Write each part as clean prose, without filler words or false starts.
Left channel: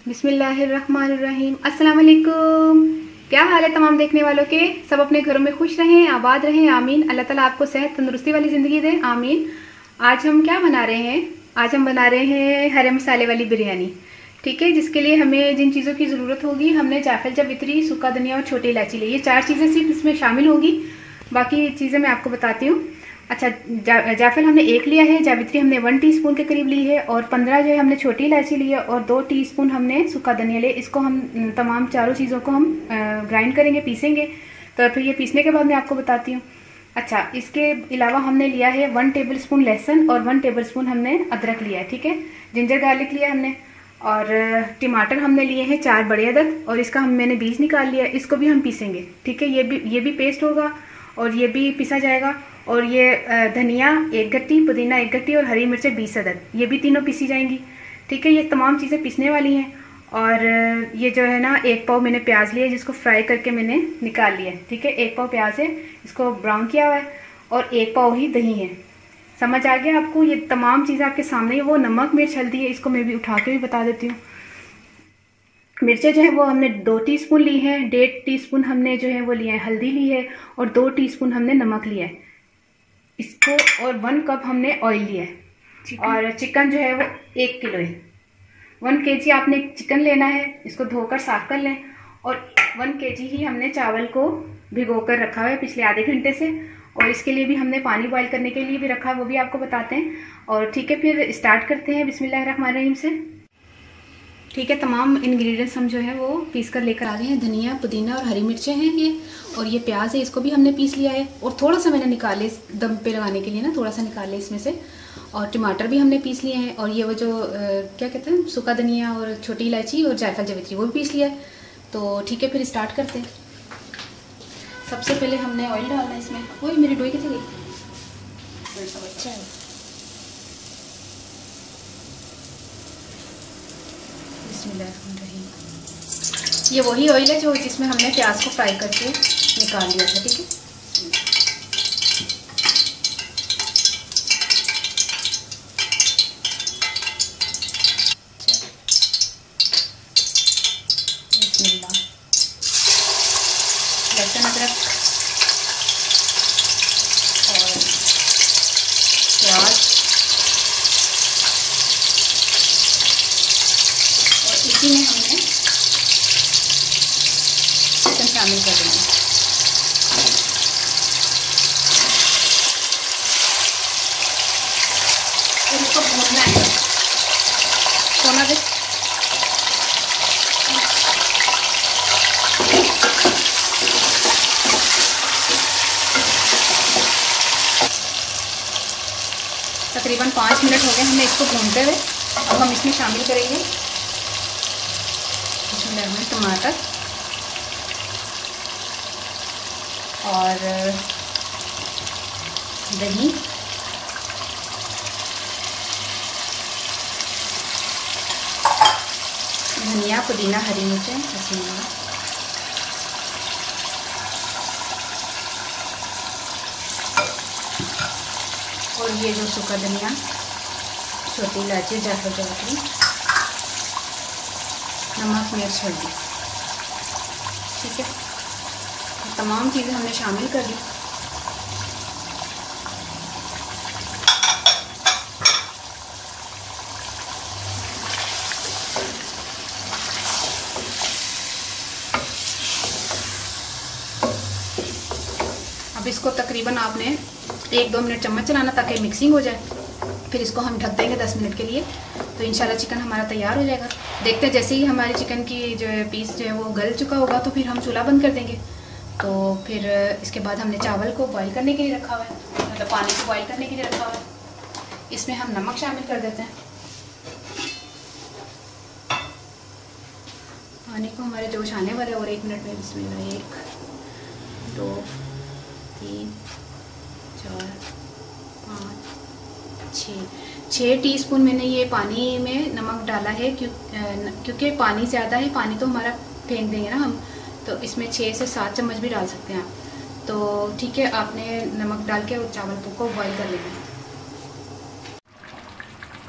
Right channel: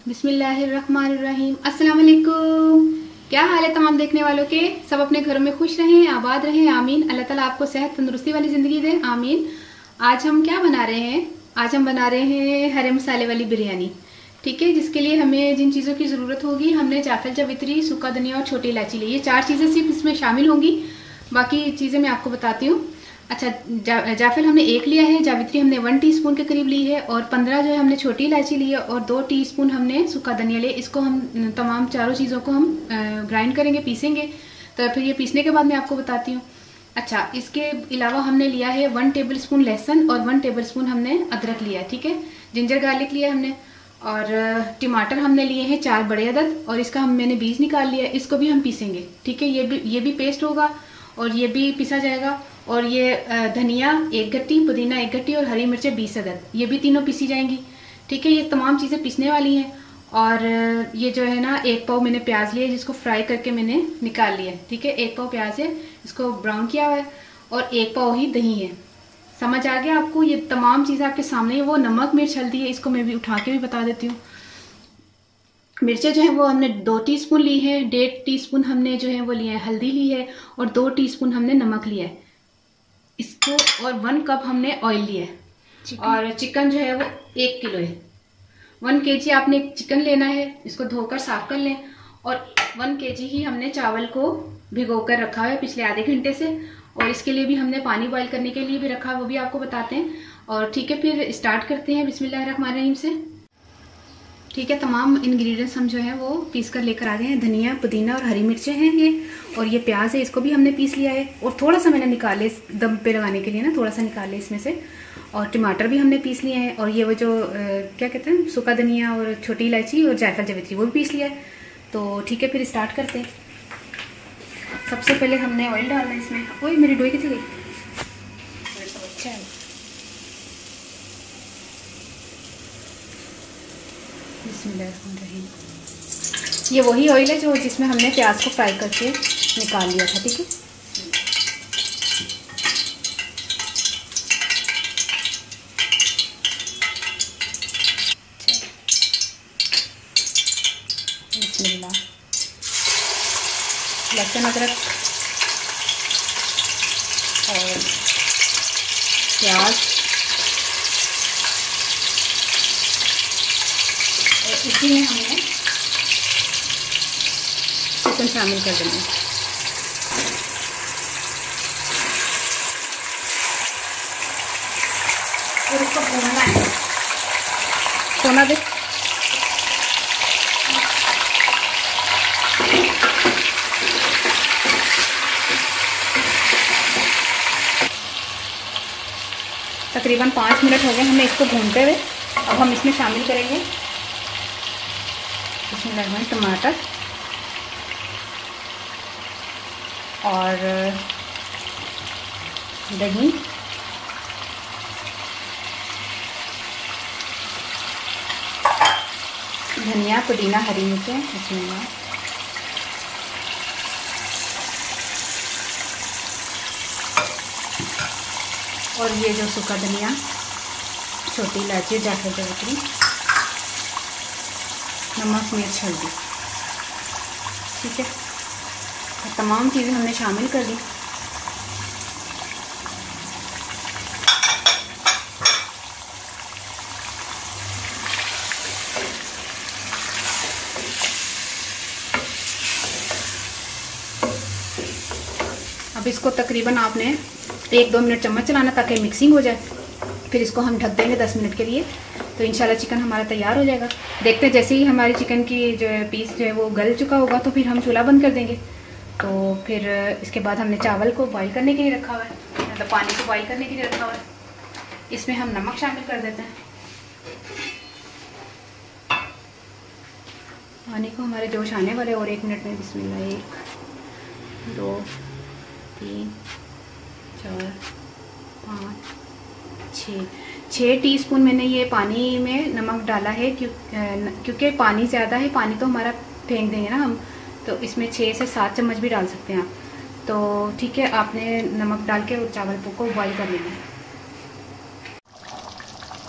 बिस्मिल्लाहिर्रहमानिर्रहीम। अस्सलाम वालेकुम। क्या हाल है तमाम देखने वालों के? सब अपने घरों में खुश रहें, आबाद रहें, आमीन। अल्लाह ताला आपको सेहत तंदुरुस्ती वाली ज़िंदगी दे, आमीन। आज हम क्या बना रहे हैं? आज हम बना रहे हैं हरे मसाले वाली बिरयानी। ठीक है, जिसके लिए हमें जिन चीज़ों की ज़रूरत होगी, हमने जायफल, जावित्री, सूखा धनिया और छोटी इलायची ली। ये 4 चीज़ें सिर्फ इसमें शामिल होंगी, बाकी चीज़ें मैं आपको बताती हूँ। अच्छा, जायफल हमने 1 लिया है, जावित्री हमने 1 टीस्पून के करीब ली है और 15 जो है हमने छोटी इलायची ली है और 2 टीस्पून हमने सूखा धनिया लिया। इसको हम तमाम चारों चीज़ों को हम ग्राइंड करेंगे, पीसेंगे। तो फिर ये पीसने के बाद मैं आपको बताती हूँ। अच्छा, इसके अलावा हमने लिया है 1 टेबल स्पून लहसुन और 1 टेबल स्पून हमने अदरक लिया है। ठीक है, जिंजर गार्लिक लिया है हमने और टमाटर हमने लिए हैं 4 बड़े अदद और इसका मैंने बीज निकाल लिया है। इसको भी हम पीसेंगे। ठीक है, ये भी पेस्ट होगा और ये भी पीसा जाएगा। और ये धनिया 1 गट्टी, पुदीना 1 गट्टी और हरी मिर्चें 20 अदद, ये भी तीनों पीसी जाएंगी। ठीक है, ये तमाम चीज़ें पीसने वाली हैं। और ये जो है ना, 1 पाव मैंने प्याज लिया है जिसको फ्राई करके मैंने निकाल लिया है। ठीक है, 1 पाव प्याज है, इसको ब्राउन किया हुआ है और 1 पाव ही दही है। समझ आ गया आपको? ये तमाम चीज़ें आपके सामने है। वो नमक, मिर्च, हल्दी है, इसको मैं भी उठा के भी बता देती हूँ। मिर्चें जो है वो हमने 2 टीस्पून ली है, 1.5 टीस्पून हमने जो है वो लिया है हल्दी ली है और 2 टीस्पून हमने नमक लिया है इसको, और 1 कप हमने ऑयल लिया है। और चिकन जो है वो 1 किलो है। 1 केजी आपने चिकन लेना है, इसको धोकर साफ कर लें। और 1 केजी ही हमने चावल को भिगो कर रखा है पिछले आधे घंटे से, और इसके लिए भी हमने पानी बॉईल करने के लिए भी रखा है, वो भी आपको बताते हैं। और ठीक है, फिर स्टार्ट करते हैं बिस्मिल्लाहिर्रहमानिर्रहीम से। ठीक है, तमाम इंग्रेडिएंट्स हम जो है वो पीस कर लेकर आ गए हैं। धनिया, पुदीना और हरी मिर्चें हैं ये, और ये प्याज है, इसको भी हमने पीस लिया है। और थोड़ा सा मैंने निकाले दम पे लगाने के लिए ना, थोड़ा सा निकाले इसमें से। और टमाटर भी हमने पीस लिए हैं। और ये वो जो क्या कहते हैं, सूखा धनिया और छोटी इलायची और जायफल, जावित्री, वो भी पीस लिया है। तो ठीक है, फिर स्टार्ट करते हैं। सबसे पहले हमने ऑयल डालना है इसमें। वही मेरी डोई कितनी गई, अच्छा है। ये वही ऑयल है जो जिसमें हमने प्याज को फ्राई करके निकाल लिया था। ठीक है, बिस्मिल्लाह। लहसुन, अदरक और प्याज, और इसी में हमने चिकन शामिल कर देना है। और इसको भूनना है। सोना दे। तकरीबन 5 मिनट हो गए हमने इसको भूनते हुए। अब हम इसमें शामिल करेंगे इसमें टमाटर और दही, धनिया, पुदीना, हरी मिर्चें, इसमें और ये जो सूखा धनिया, छोटी इलायची, जायफल, जावित्री, नमक, मिर्च, हल्दी। ठीक है, तमाम चीज़ें हमने शामिल कर दी। अब इसको तकरीबन आपने 1-2 मिनट चम्मच चलाना ताकि मिक्सिंग हो जाए। फिर इसको हम ढक देंगे 10 मिनट के लिए। तो इंशाल्लाह चिकन हमारा तैयार हो जाएगा। देखते हैं, जैसे ही हमारी चिकन की जो है पीस जो है वो गल चुका होगा तो फिर हम चूल्हा बंद कर देंगे। तो फिर इसके बाद हमने चावल को बॉईल करने के लिए रखा हुआ है, मतलब पानी को बॉईल करने के लिए रखा हुआ है। इसमें हम नमक शामिल कर देते हैं। पानी को हमारे जोश आने वाले और 1 मिनट में। बिस्मिल्लाह। 1 2 3 4 5 6 टीस्पून मैंने ये पानी में नमक डाला है, क्योंकि पानी ज़्यादा है। पानी तो हमारा फेंक देंगे ना हम, तो इसमें 6 से 7 चम्मच भी डाल सकते हैं आप। तो ठीक है, आपने नमक डाल के और चावल को बॉईल कर लेना है।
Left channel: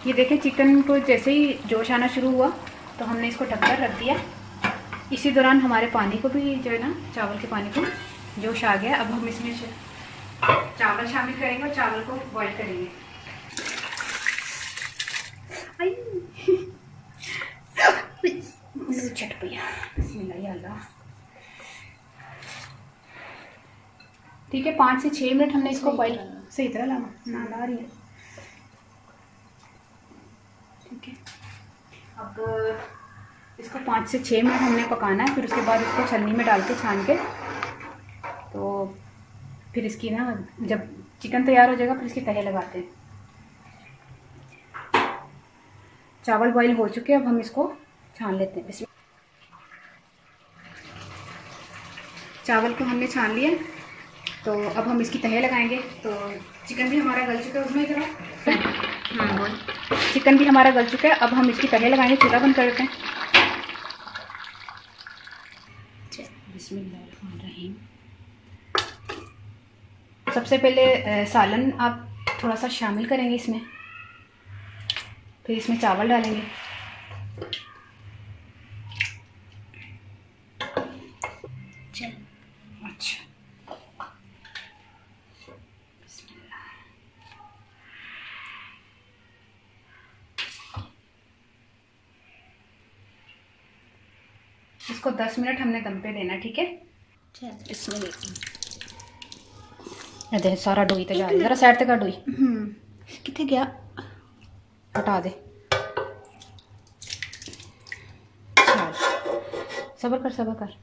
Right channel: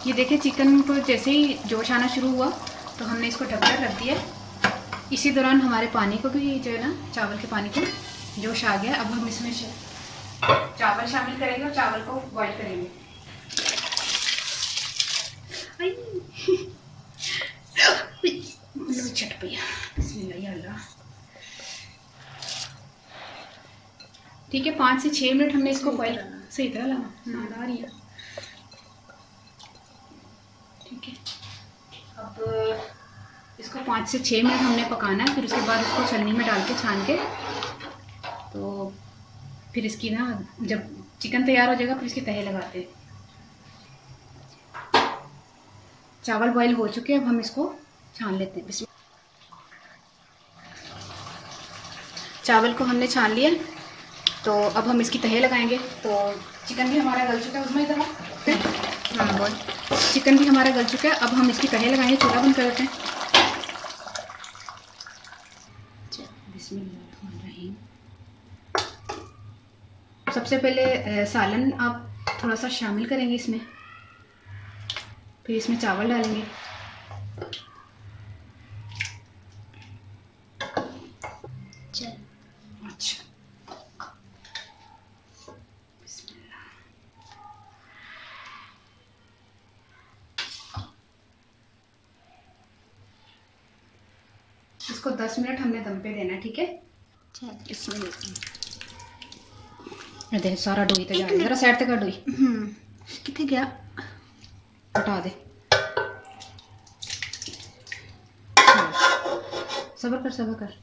ये देखिए चिकन को जैसे ही जोश आना शुरू हुआ तो हमने इसको ढककर रख दिया। इसी दौरान हमारे पानी को भी जो है ना, चावल के पानी को जोश आ गया। अब हम इसमें चावल शामिल करेंगे और चावल को बॉईल करेंगे। चट पिया, बिस्मिल्लाह अल्लाह। ठीक है, 5 से 6 मिनट हमने इसको बॉईल सही तरह लाना ला रही है। ठीक है, अब इसको 5 से 6 मिनट हमने पकाना है। फिर उसके बाद इसको छलनी में डाल के छान के, तो फिर इसकी ना जब चिकन तैयार हो जाएगा फिर इसकी तहे लगाते हैं। चावल बॉईल हो चुके हैं, अब हम इसको छान लेते हैं। चावल को हमने छान लिया, तो अब हम इसकी तहे लगाएंगे। तो चिकन भी हमारा गल चुका है, उसमें इधर हाँ बोल। चिकन भी हमारा गल चुका है, अब हम इसकी तहे लगाएंगे। चूल्हा बंद कर देते हैं। बिस्मिल्लाहिर्रहमानिर्रहीम। सबसे पहले सालन आप थोड़ा सा शामिल करेंगे इसमें, फिर इसमें चावल डालेंगे। अच्छा, इसको 10 मिनट हमने दम पे देना, ठीक है। इसमें दे सारा डोई ते जरा साइड ते कर डोई किथे गया, हटा दे। सब्र कर।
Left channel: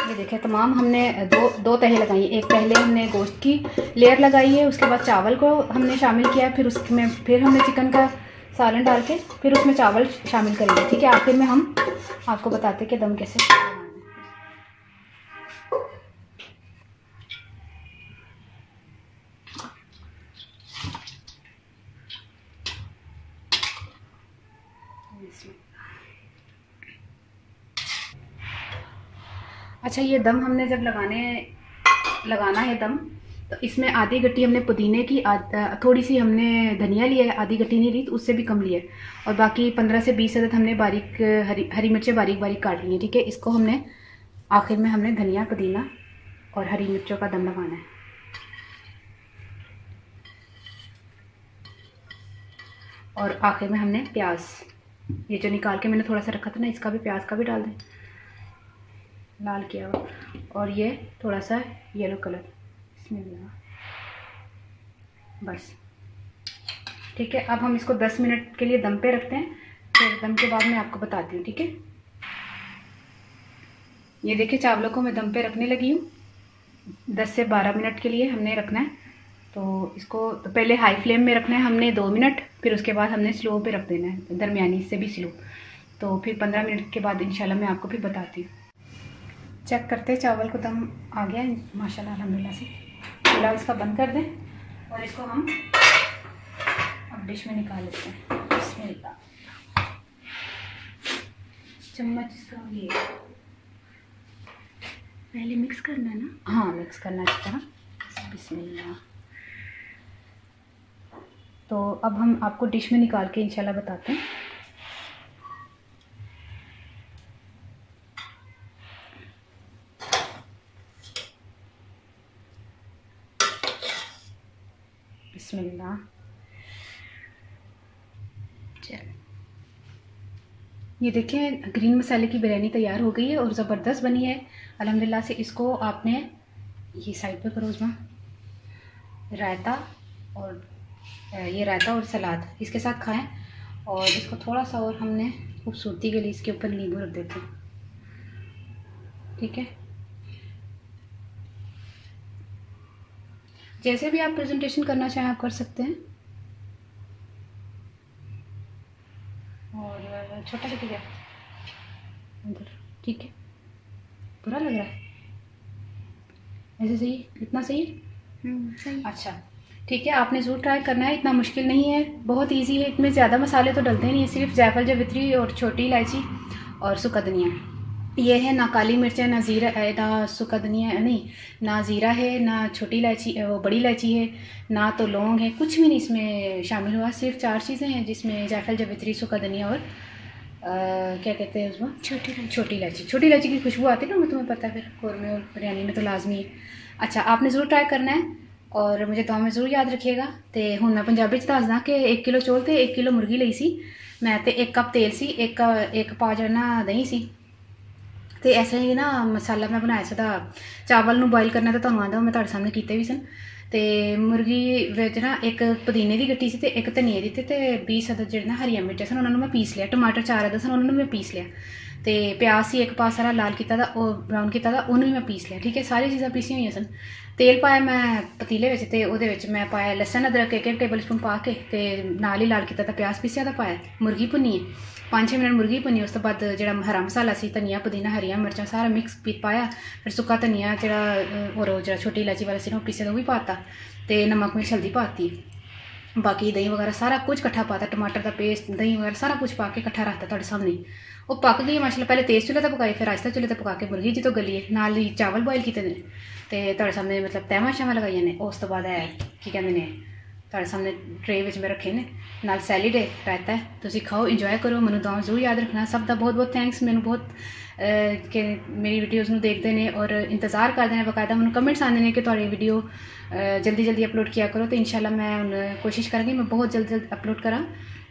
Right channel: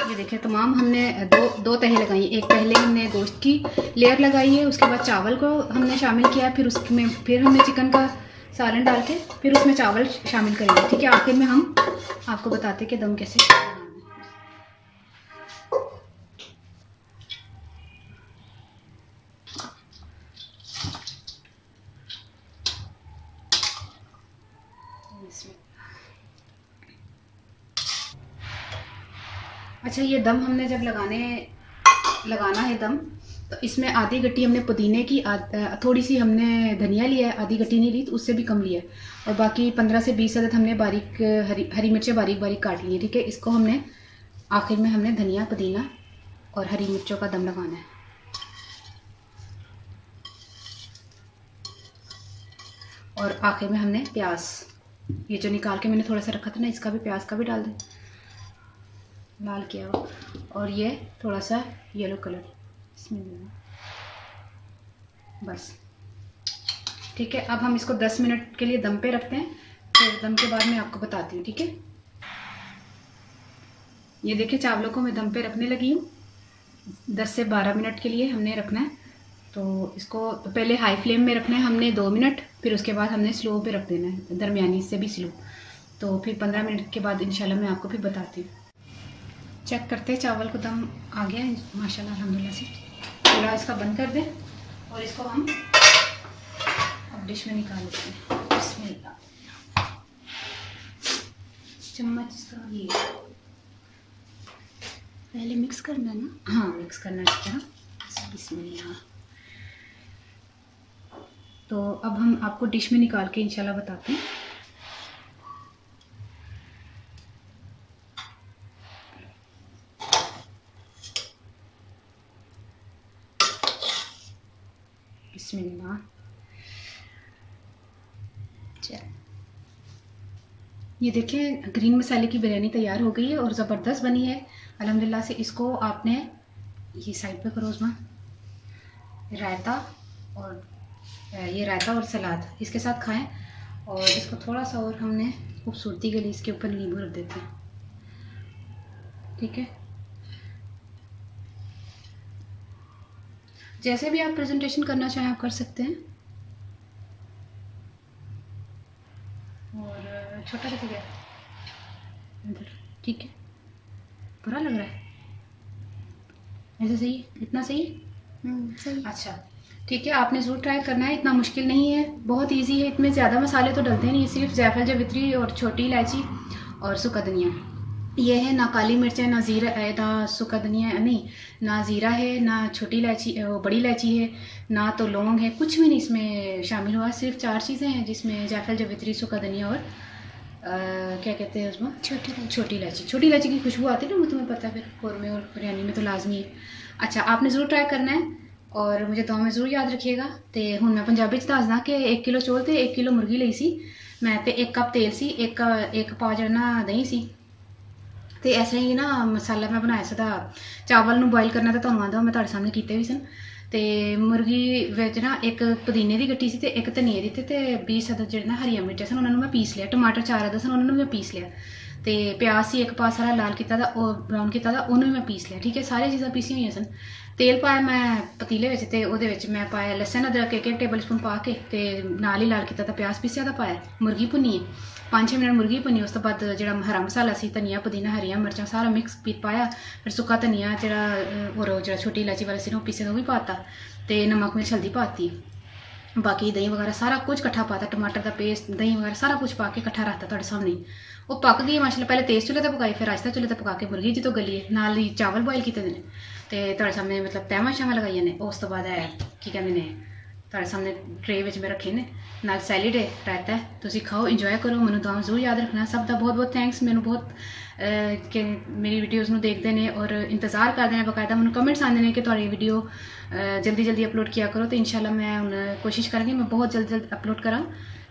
ये देखिए, तमाम हमने दो तहें लगाई। एक पहले हमने गोश्त की लेयर लगाई है, उसके बाद चावल को हमने शामिल किया, फिर उसमें फिर हमने चिकन का सालन डाल के फिर उसमें चावल शामिल करेंगे। ठीक है, आखिर में हम आपको बताते कि दम कैसे बनाना है। अच्छा, ये दम हमने जब लगाना है दम, तो इसमें आधी गट्टी हमने पुदीने की, थोड़ी सी हमने धनिया लिया है, आधी गट्टी नहीं ली, तो उससे भी कम लिया है, और बाकी 15 से 20 अदद हमने बारीक हरी मिर्चें बारीक काट ली है। ठीक है, इसको हमने आखिर में हमने धनिया, पुदीना और हरी मिर्चों का दम लगाना है। और आखिर में हमने प्याज, ये जो निकाल के मैंने थोड़ा सा रखा था ना, इसका भी, प्याज का भी डाल दें, लाल किया हुआ, और ये थोड़ा सा येलो कलर इसमें, बस। ठीक है, अब हम इसको 10 मिनट के लिए दम पे रखते हैं, फिर दम के बाद मैं आपको बताती हूँ। ठीक है, ये देखिए चावलों को मैं दम पे रखने लगी हूँ। 10 से 12 मिनट के लिए हमने रखना है। तो इसको पहले हाई फ्लेम में रखना है हमने 2 मिनट, फिर उसके बाद हमने स्लो पे रख देना है, दरमियानी से भी स्लो। तो फिर 15 मिनट के बाद इंशाल्लाह मैं आपको फिर बताती हूँ। चेक करते हैं, चावल को दम आ गया है माशाल्लाह अल्हम्दुलिल्लाह से। चूल्हा इसका बंद कर दें और इसको हम अब डिश में निकाल लेते हैं। बिस्मिल्लाह, चम्मच इसका ये पहले मिक्स करना है ना? हाँ, मिक्स करना है इसको। बिस्मिल्लाह। तो अब हम आपको डिश में निकाल के इंशाल्लाह बताते हैं। बिस्मिल्लाह। चल, ये देखिए ग्रीन मसाले की बिरयानी तैयार हो गई है और ज़बरदस्त बनी है अल्हम्दुलिल्लाह से। इसको आपने ये साइड पे करो उसमें, रायता और सलाद इसके साथ खाएं। और इसको थोड़ा सा और हमने खूबसूरती के लिए इसके ऊपर नींबू रख देते हैं। ठीक है, जैसे भी आप प्रेजेंटेशन करना चाहें आप कर सकते हैं। और छोटा सा गया अंदर, ठीक है, बुरा लग रहा है ऐसे? सही, इतना सही? सही। अच्छा ठीक है, आपने ज़रूर ट्राई करना है, इतना मुश्किल नहीं है, बहुत इजी है। इसमें ज़्यादा मसाले तो डलते नहीं, सिर्फ जायफल, जावित्री और छोटी इलायची और सूखा धनिया। ये है ना काली मिर्च है, ना ज़ीरा है, ना सूखा धनिया है, नहीं ना ज़ीरा है, ना छोटी इलायची, वो बड़ी इलायची है, ना तो लौंग है, कुछ भी नहीं इसमें शामिल हुआ। सिर्फ 4 चीज़ें हैं जिसमें जायफल, जावित्री, सूखा धनिया और क्या कहते हैं उसमें, छोटी इलायची। छोटी इलायची की खुशबू आती है ना, तुम्हें पता है, फिर कौरमे और बिरयानी में तो लाजमी है। अच्छा, आपने ज़रूर ट्राई करना है और मुझे दुआ में ज़रूर याद रखिएगा। तो हूँ मैं पंजाबी च दसदा कि 1 किलो चौल तो 1 किलो मुर्गी ली सी मैं, तो 1 कप तेल सी, एक पा जो ना दही सी। तो इस तरह ही ना मसाला मैं बनाया सीधा। चावल नूं बॉयल करना तो तुहानूं आंदा मैं तुहाडे सामने कीते भी सन। ते मुर्गी विच ना एक पुदीने दी गट्टी सी ते एक धनिए दी, ते 20 अदद जिहड़े ना हरियां मिर्चां सन उन्हां नूं मैं पीस लिया। टमाटर 4 अदद सन उन्हां नूं मैं पीस लिया। ते प्याज सी एक पास सारा लाल कीता दा, ओह ब्राउन कीता दा, उन्होंने मैं पीस लिया। ठीक है, सारी चीज़ां पीसियां होईयां सन। तेल पाया मैं पतीले विच, ते ओहदे विच मैं पाया लसन अदरक 1 टेबल स्पून पा के, ते नाल ही लाल कीता दा प्याज पीसिया दा पाया। मुर्गी भुन्नी है 5-6 मिनट मुर्गी भुन्नी। उस तो बाद जो हरा मसाला सी, धनिया पुदीना हरियां मिर्चां सारा मिक्स पाया। फिर सुक्का धनिया जो और जो छोटी इलायची वाला सी ना पीसे वो भी पाता, तो नमक मिर्च हल्दी पाती, बाकी दही वगैरह सारा कुछ कट्ठा पाता, टमाटर का पेस्ट दही वगैरह सारा कुछ पा के कट्ठा रखता तुहाडे सामने। वो पक गई माशाल्लाह। पहले तेज चुल्हे पर पकाई, फिर आहिस्ता चुल्हे पर पका के मुर्गी जो गली है, नाल ही चावल बॉयल किए ने, तो तुहाडे सामने मतलब तैमा शामा लगाई ने। उस तो बाद की कहते ने तुहाडे सामने ट्रे में मैं रखे ने, नाल सैलिड है, रायता है। तुसीं खाओ, इंजॉय करो। मैनूं दुआ जरूर याद रखना। सब का बहुत बहुत थैंक्स। मैनूं बहुत कि मेरी वीडियोज़ नूं देखते हैं और इंतज़ार करते हैं बकायदा। मैनूं कमेंट्स आते हैं कि तुहाडी वीडियो जल्दी जल्दी अपलोड किया करो। तो इंशाल्लाह मैं हुण कोशिश करांगी मैं बहुत जल्द अपलोड करा।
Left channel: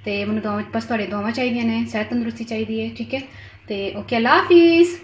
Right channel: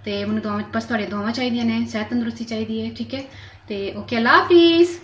तो मैनूं दुआ बस तुहाडी दुआवां चाहिए ने, सेहत तंदुरुस्ती चाहिए है। ठीक है, तो ओके, अल्लाह हाफिज़।